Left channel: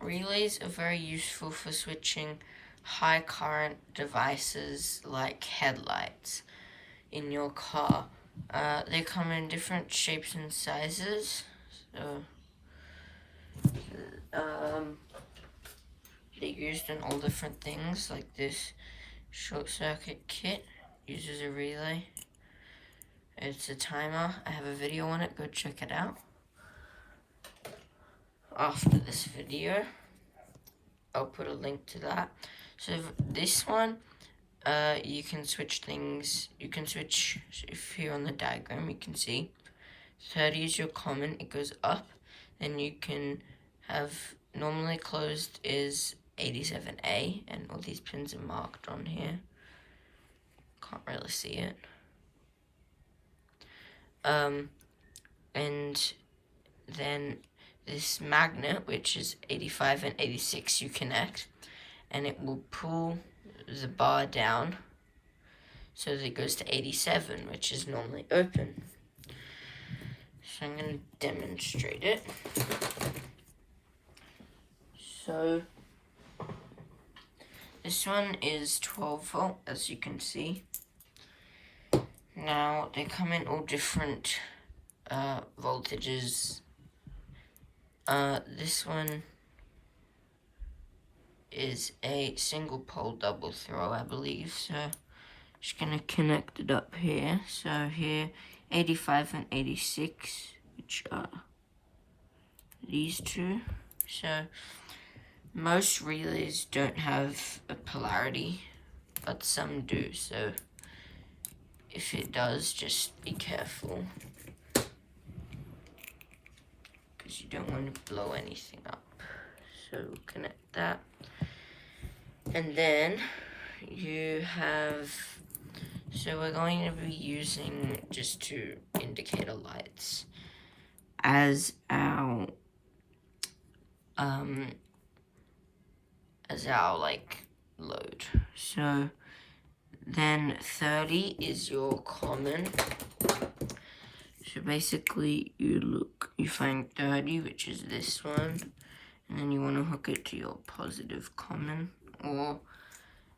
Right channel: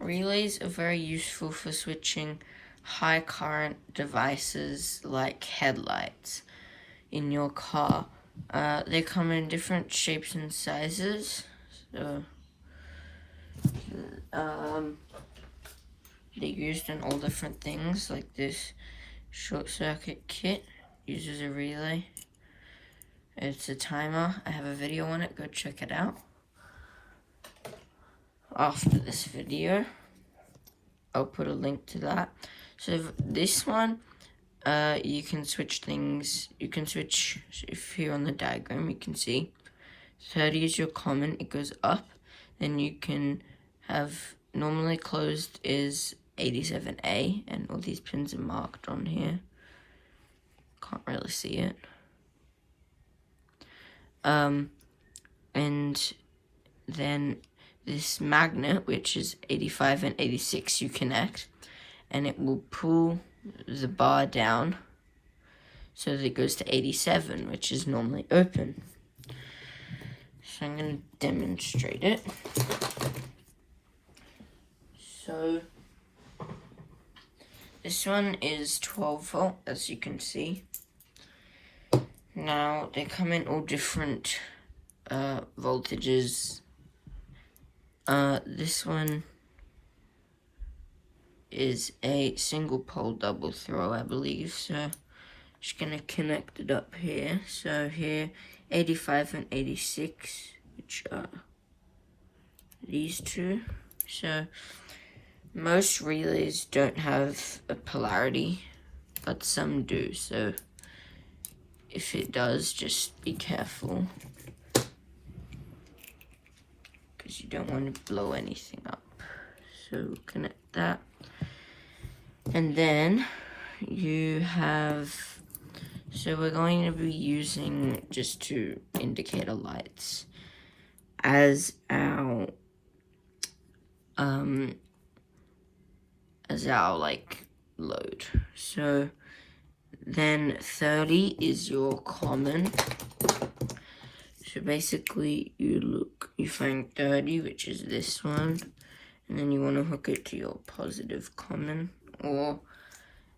Relays are very useful for switching high current devices like headlights in your car. They come in different shapes and sizes. So, they're used in all different things, like this short circuit kit uses a relay. It's a timer. I have a video on it. Go check it out. After this video, I'll put a link to that. So this one, you can switch things. You can switch, if here on the diagram you can see 30 is your common, it goes up. Then you can have normally closed is 87A, and all these pins are marked on here. Can't really see it. And then this magnet, which is 85 and 86, you connect, and it will pull the bar down so that it goes to 87, which is normally open. So I'm going to demonstrate it. So this one is 12 volt, as you can see. Now they come in all different voltages. This one is a single pole double throw, I believe. So just gonna connect it up here. So here, 85 and 86, which are these two. So most relays don't have a polarity, but some do. So if it does, just be careful, because you don't want to blow anything up. So connect that. And then you have, so we're going to be using just two indicator lights as our like load. So then 30 is your common. So basically you find 30, which is this one, and then you want to hook it to your positive common, or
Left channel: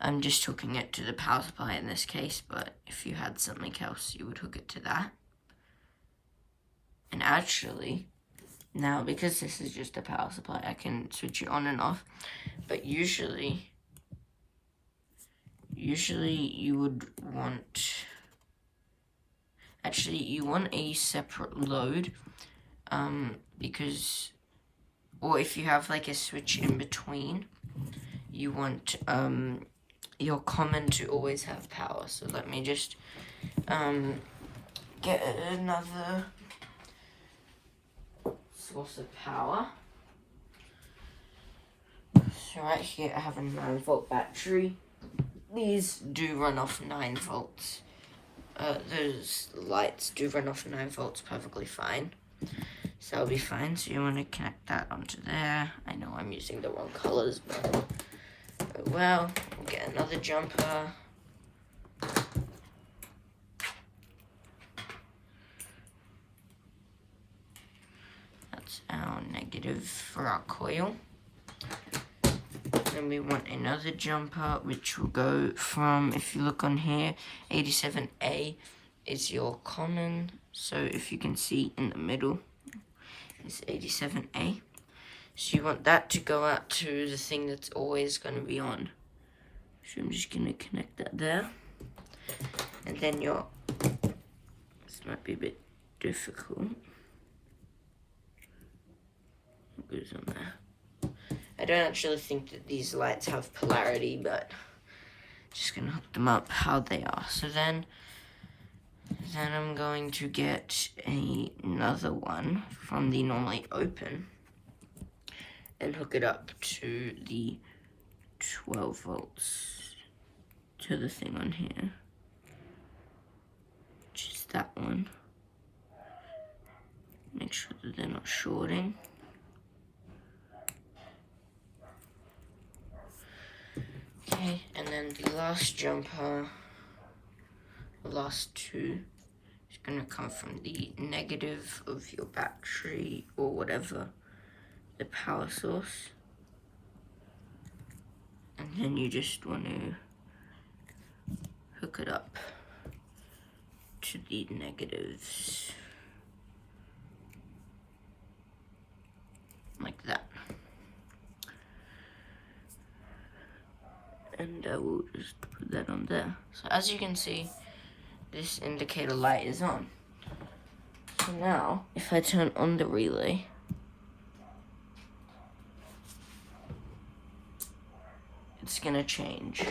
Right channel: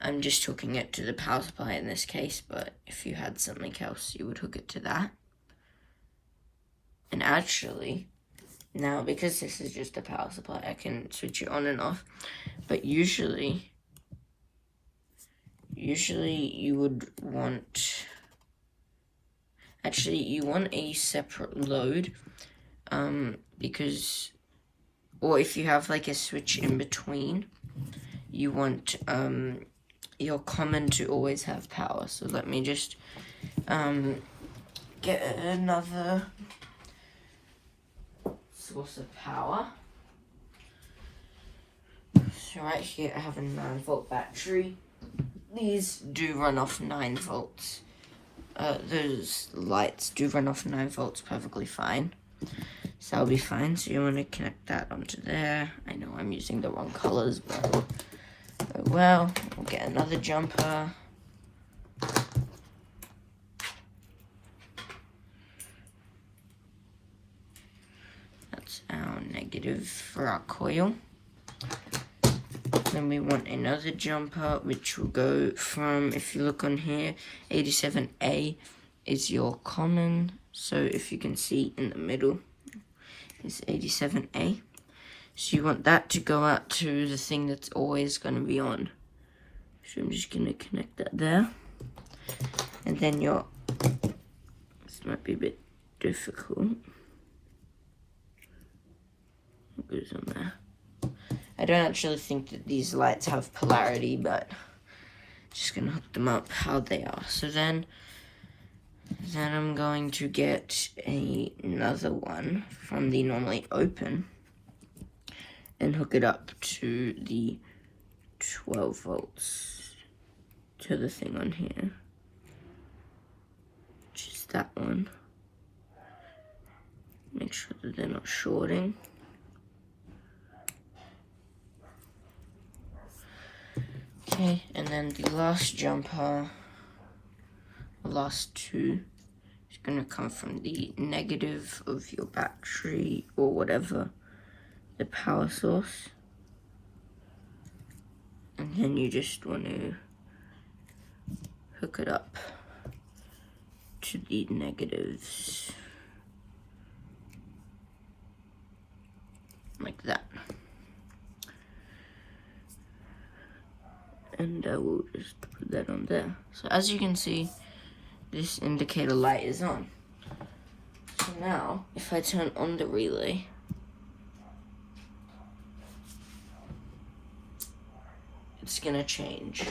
I'm just hooking it to the power supply in this case, but if you had something else, you would hook it to that. And actually, now because this is just a power supply, I can switch it on and off, but usually you would want, you want a separate load, because, or if you have like a switch in between, you want your common to always have power. So let me just get another source of power. So right here I have a 9-volt battery. These do run off 9 volts. Those lights do run off 9 volts perfectly fine. So that'll be fine. So you want to connect that onto there. I know I'm using the wrong colors, but oh well. We'll get another jumper. That's our negative for our coil. Then we want another jumper, which will go from, if you look on here, 87A is your common. So if you can see in the middle, it's 87A. So you want that to go out to the thing that's always going to be on. So I'm just going to connect that there. And then this might be a bit difficult. What goes on there? I don't actually think that these lights have polarity, but just gonna hook them up how they are. So then I'm going to get another one from the normally open and hook it up to the 12 volts to the thing on here, which is that one. Make sure that they're not shorting. Okay, and then the last jumper, the last two, It's going to come from the negative of your battery or whatever, the power source. And then you just want to hook it up to the negatives. Like that. And I will just put that on there. So as you can see, this indicator light is on. So now, if I turn on the relay, it's gonna change.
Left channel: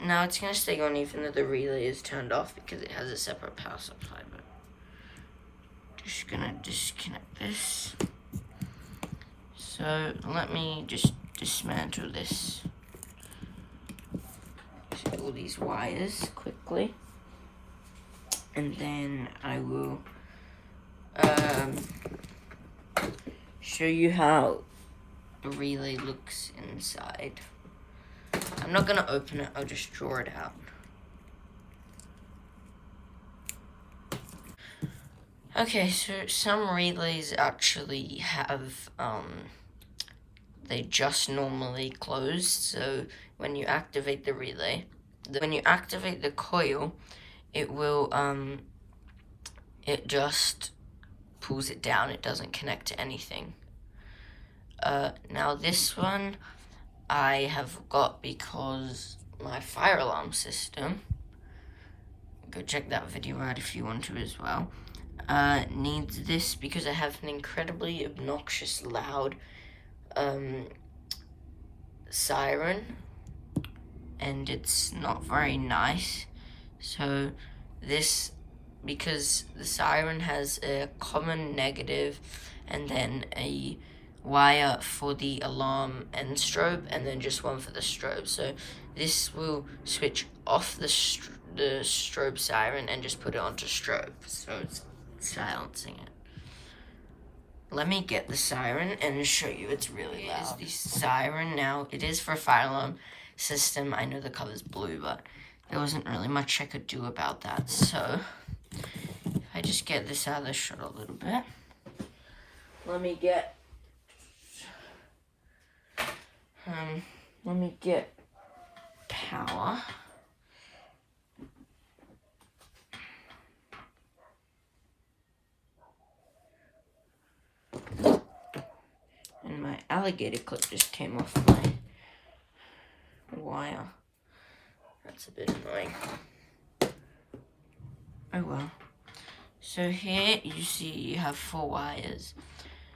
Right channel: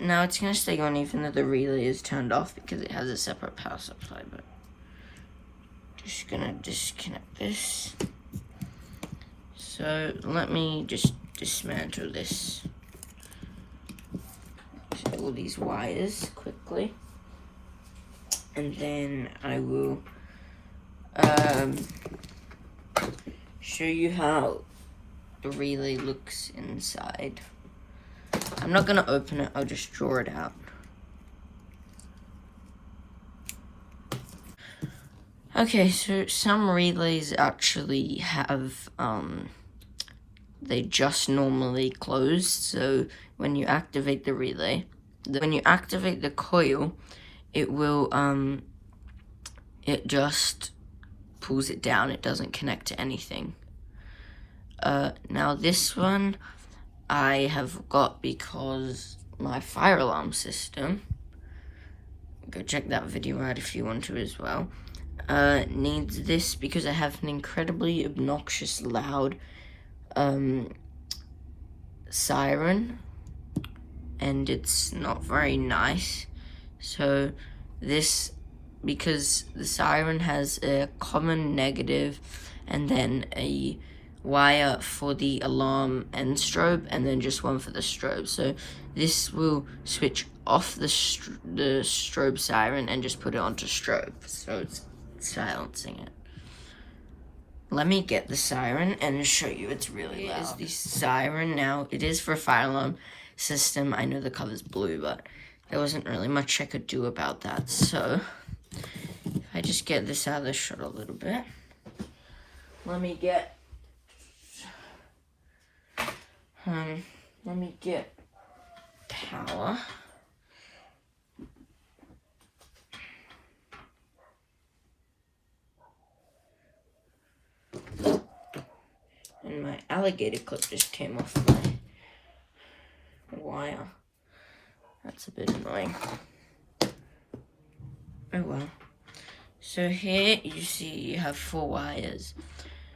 Now it's gonna stay on even though the relay is turned off because it has a separate power supply, but just gonna disconnect this. So let me just dismantle this. All these wires quickly. And then I will show you how the relay looks inside. I'm not gonna open it, I'll just draw it out. Okay, so some relays actually have, they just normally close. So when you activate the relay, when you activate the coil, it will, it just pulls it down. It doesn't connect to anything. Now this one I have got because my fire alarm system, go check that video out if you want to as well, needs this because I have an incredibly obnoxious loud siren and it's not very nice. So this, because the siren has a common negative and then a wire for the alarm and strobe, and then just one for the strobe. So this will switch off the strobe siren and just put it onto strobe, so it's silencing it. Let me get the siren and show you. It's really loud. Here's the siren. Now it is for a fire alarm system. I know the color's blue, but there wasn't really much I could do about that. So if I just get this out of the shot a little bit, let me get power. And my alligator clip just came off my wire. That's a bit annoying. Oh well. So here you see you have 4 wires.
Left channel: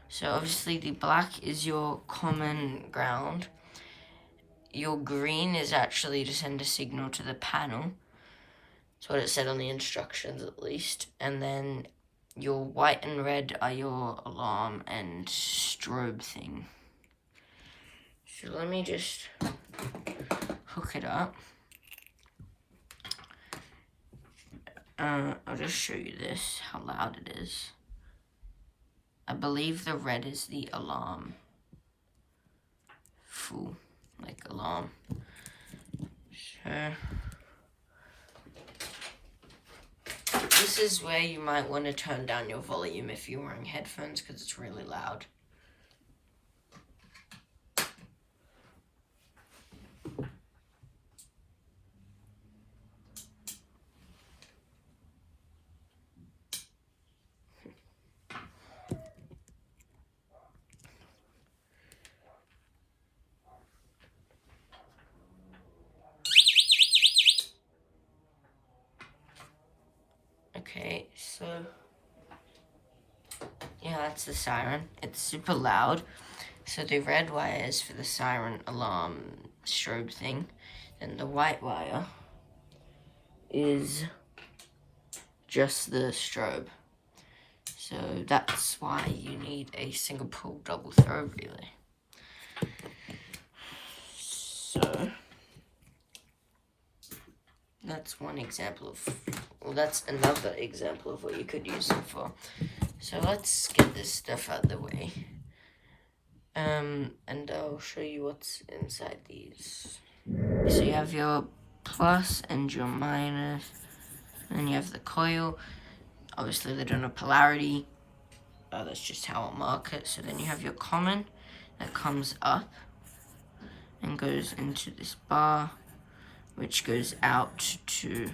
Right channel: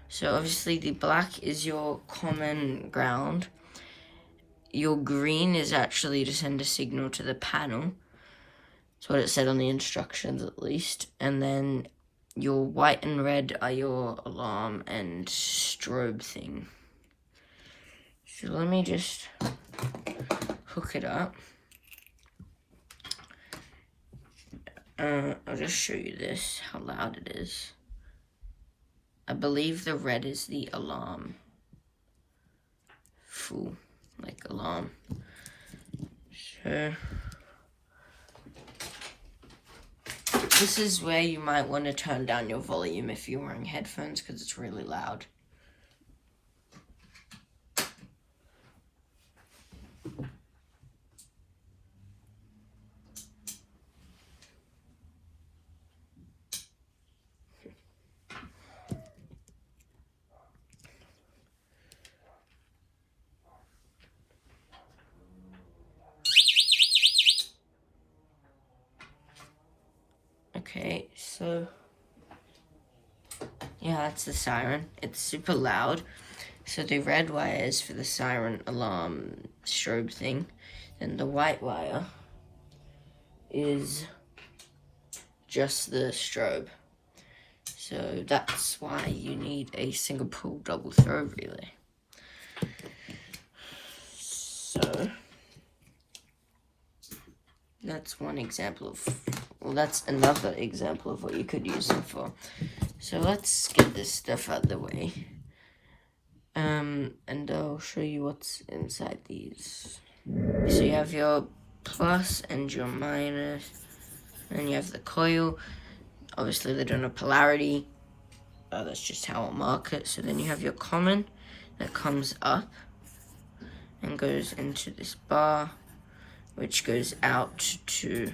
So obviously the black is your common ground. Your green is actually to send a signal to the panel. That's what it said on the instructions at least. And then your white and red are your alarm and strobe thing. So let me just hook it up. I'll just show you this, how loud it is. I believe the red is the alarm. Full, like alarm. So this is where you might want to turn down your volume if you're wearing headphones because it's really loud. Okay, so yeah, that's the siren. It's super loud. So the red wire is for the siren alarm strobe thing. And the white wire is just the strobe. So that's why you need a single pole double throw relay. So that's one example of, well, that's another example of what you could use them for. So let's get this stuff out of the way. And I'll show you what's inside these. So you have your plus and your minus, then you have the coil. Obviously they don't have polarity. That's just how I'll mark it. So then you have your common that comes up and goes into this bar, which goes out to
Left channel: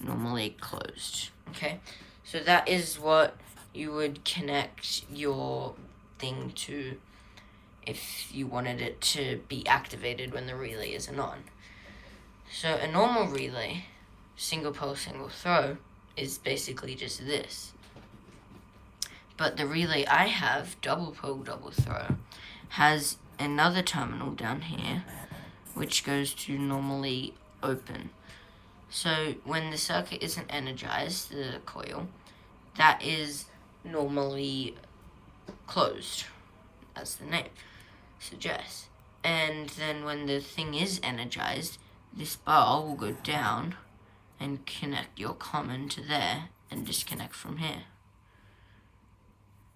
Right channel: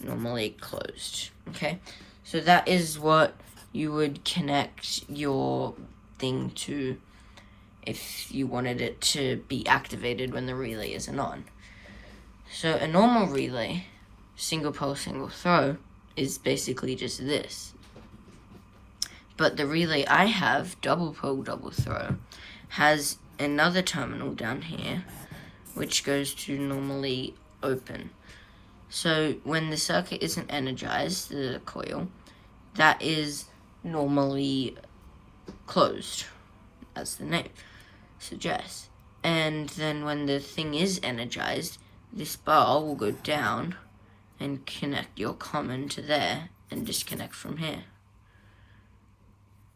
normally closed. Okay, so that is what you would connect your thing to if you wanted it to be activated when the relay isn't on. So a normal relay, single pole, single throw, is basically just this. But the relay I have, double pole, double throw, has another terminal down here, which goes to normally open. So when the circuit isn't energized, the coil, that is normally closed, as the name suggests. And then when the thing is energized, this bar will go down and connect your common to there and disconnect from here.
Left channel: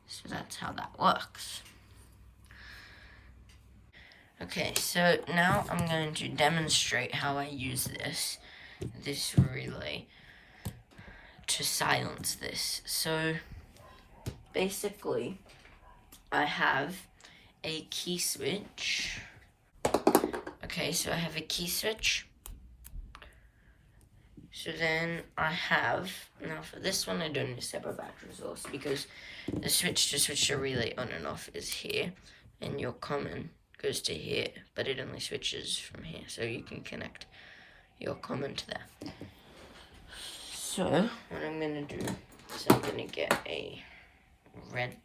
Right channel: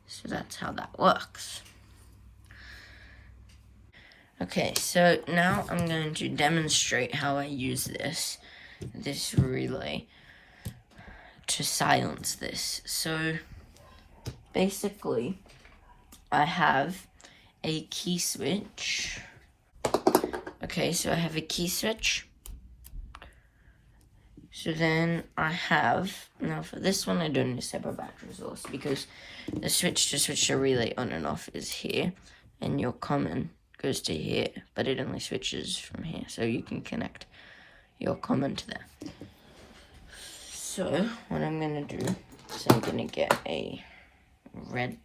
So that's how that works. Okay, so now I'm going to demonstrate how I use this relay to silence this. So basically, I have a key switch. Okay, so I have a key switch. So then I have, now for this one I don't need a separate battery source because the switch to switch the relay on and off is here, and your common goes to here, but it only switches from here, so you can connect your common to there. So what I'm going to do is I'm going to get a red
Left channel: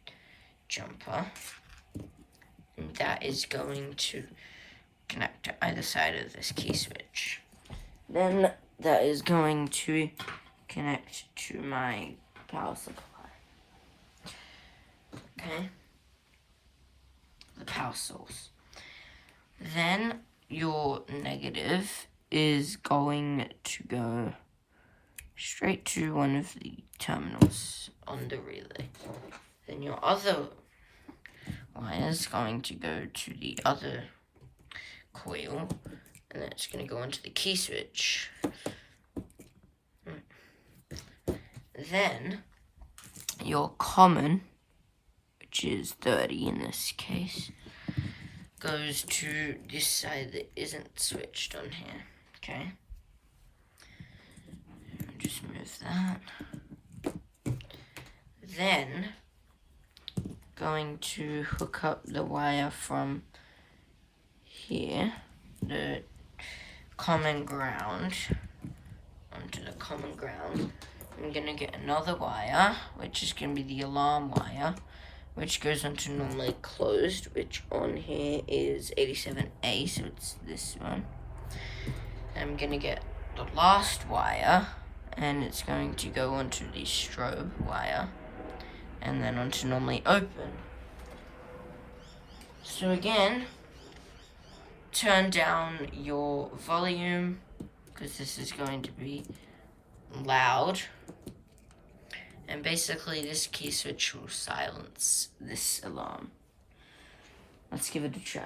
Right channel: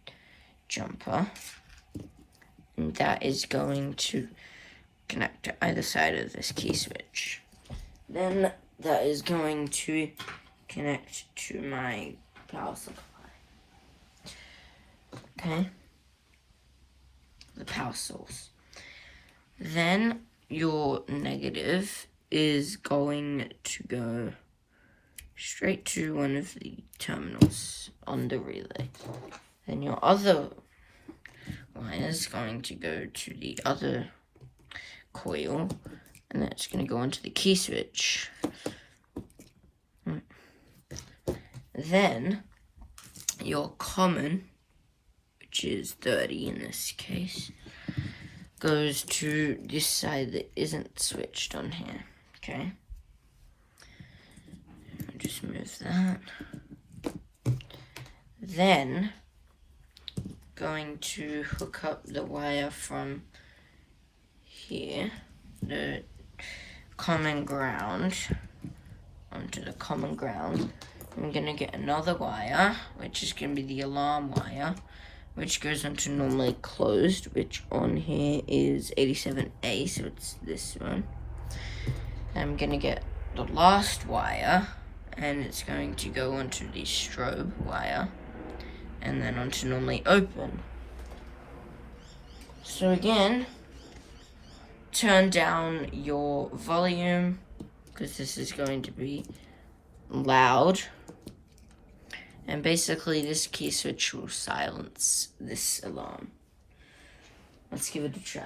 jumper, and that is going to connect to either side of this key switch. Then that is going to connect to my power supply. Okay, the power source. Then your negative is going to go straight to one of the terminals on the relay. Then your other wire is going to go to the other coil, and that's going to go onto the key switch. Then your common, which is 30 in this case, goes to this side that isn't switched on here. Okay, just move that. Then going to hook up the wire from here, the common ground, onto the common ground. I'm gonna get another wire, which is gonna be the alarm wire, which goes onto normally closed, which on here is 87A, so it's this one. I'm gonna get the last wire, and it's going to go onto the strobe wire, and then onto normally open. So again, turn down your volume, because this is going to be loud. And basically this key switch will silence this alarm. Let's give it a try.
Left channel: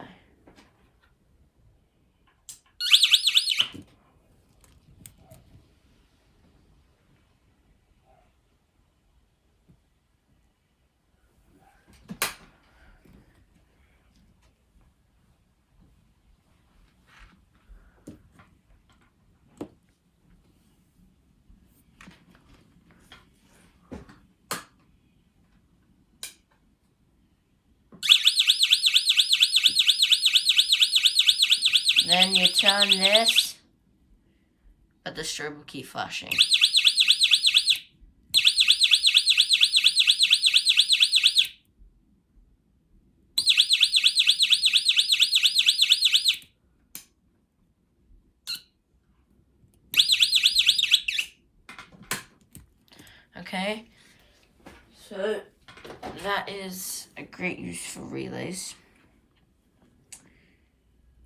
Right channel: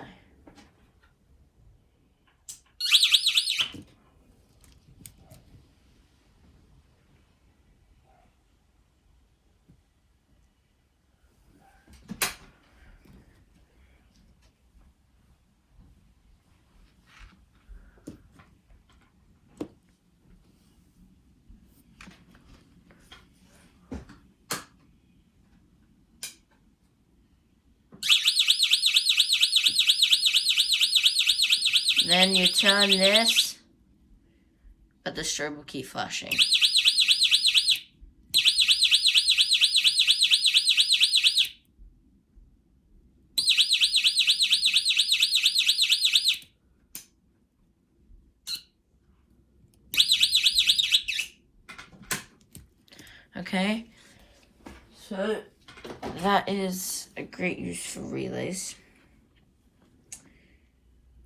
Then you turn this, but the strobe will keep flashing. Okay, so that is a great use for relays.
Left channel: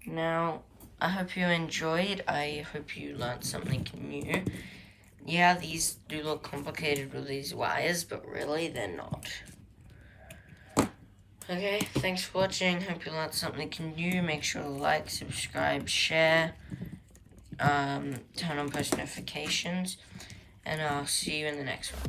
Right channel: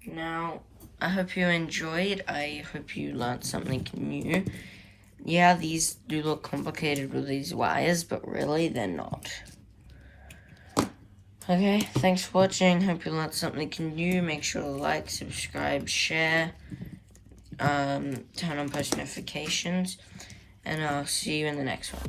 Now, I hope you enjoyed. I hope you learned something new. Yeah, these do look complicated with these wires, but really they're not. Okay, thanks for watching. Hope you learned something new. Make sure to like, subscribe, share, turn on post notifications, and I'll see you in the next one.